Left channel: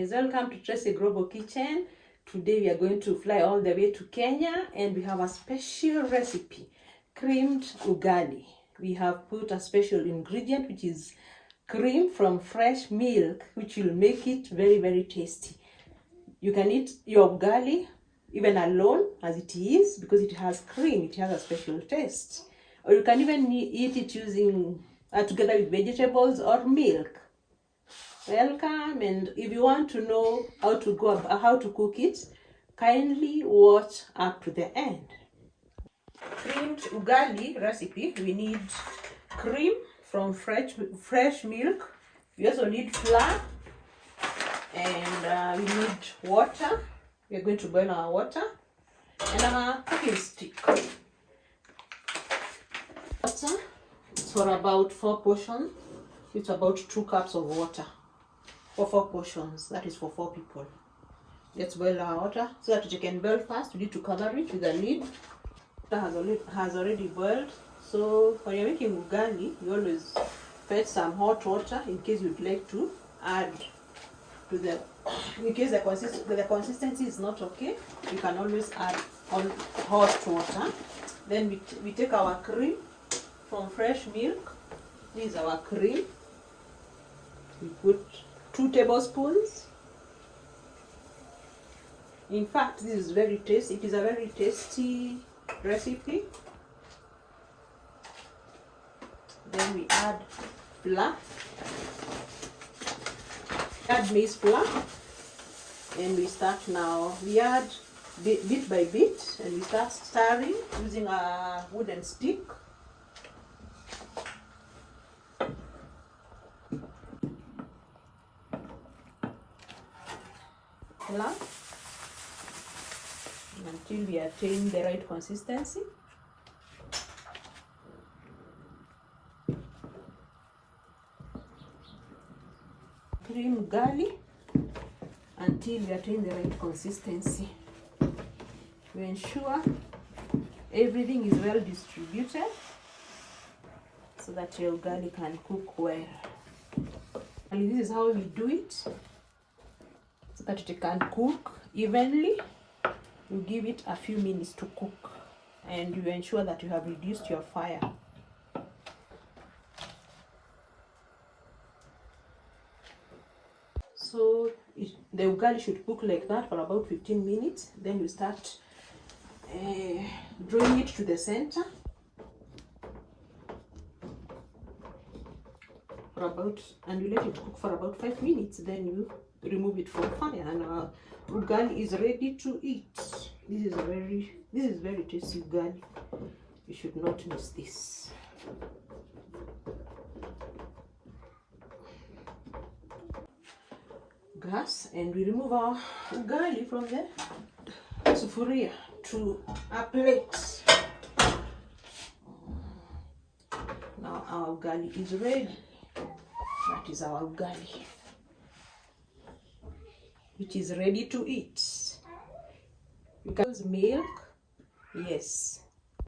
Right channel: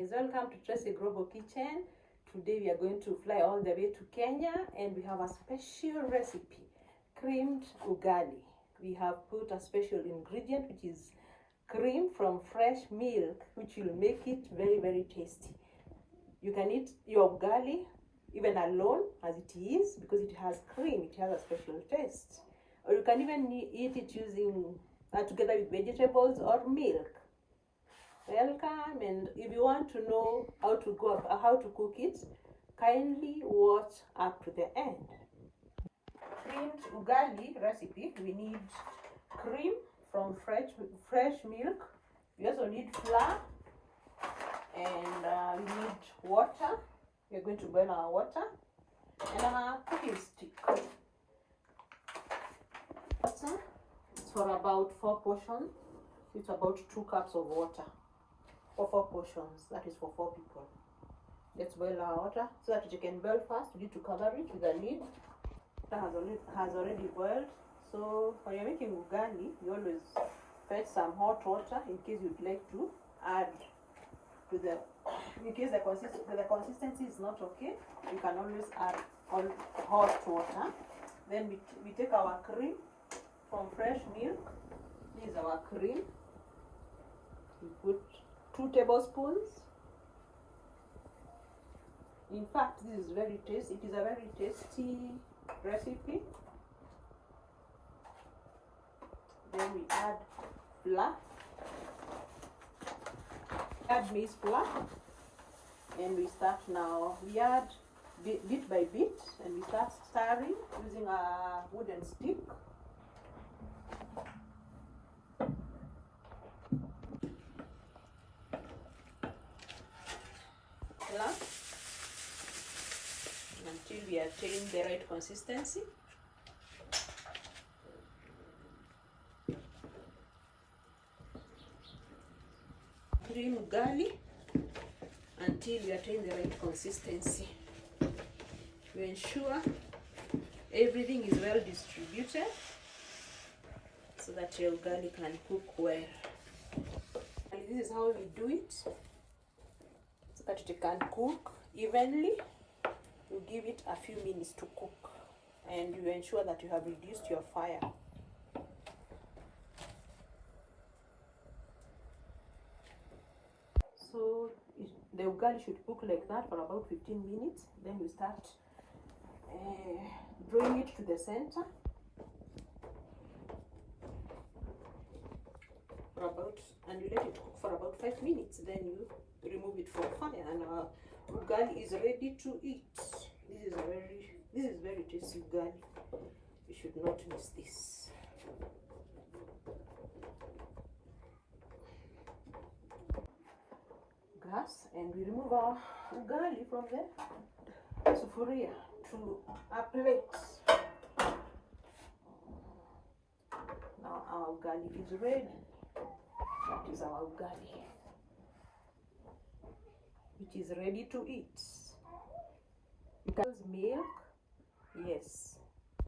guys, welcome to Tracy Global Kitchen. Today we are going to fly all the way to Kenya and we have a special recipe, creamed ugali. We have put a special ingredient which is cream from fresh milk, which will make it very, very tasty. You can eat your ugali even alone as it is because it has cream, it has a special taste. Or you can even eat it using together with vegetables or milk. Welcome, and if you want to know how to cook it, kindly watch up to the end. Creamed ugali recipe, we need cream from fresh milk. We also need flour, and we need water. We are going to boil our water and our cooking stick. Water for about 4 portions. It's about 2 cups of water for 4 portions. That is for 4 people. Let's boil our water so that it can boil fast. We need to cover it with a lid. Water has already boiled. So when you're making ugali, you always fetch some hot water in case you'd like to add to the. In case the consistency is not okay, you can always add hot water. Then we take our cream from fresh milk. This is our cream. We put 2 tablespoons. In fact, this is very tasty. It is a very tasty recipe. Then we add flour. Add maize flour. And we start now. We add bit by bit, and we start stirring using a wooden stick. Until we attain the right consistency. Cream ugali until we attain the right consistency. We ensure everything is well distributed so that your ugali can cook well. And this is how we do it so that it can cook evenly. You give it a few minutes to cook and you ensure that you have reduced your fire. So the ugali should cook like that for about 15 minutes. Then you start drawing it to the center and you let it cook for about 5 minutes. Then you remove it from fire and our ugali is ready to eat. This is very tasty ugali. You should not miss this. Gas, and we remove our ugali from the sufuria to a plate. Now our ugali is ready. That is our ugali, which is ready to eat. You can use milk, yes.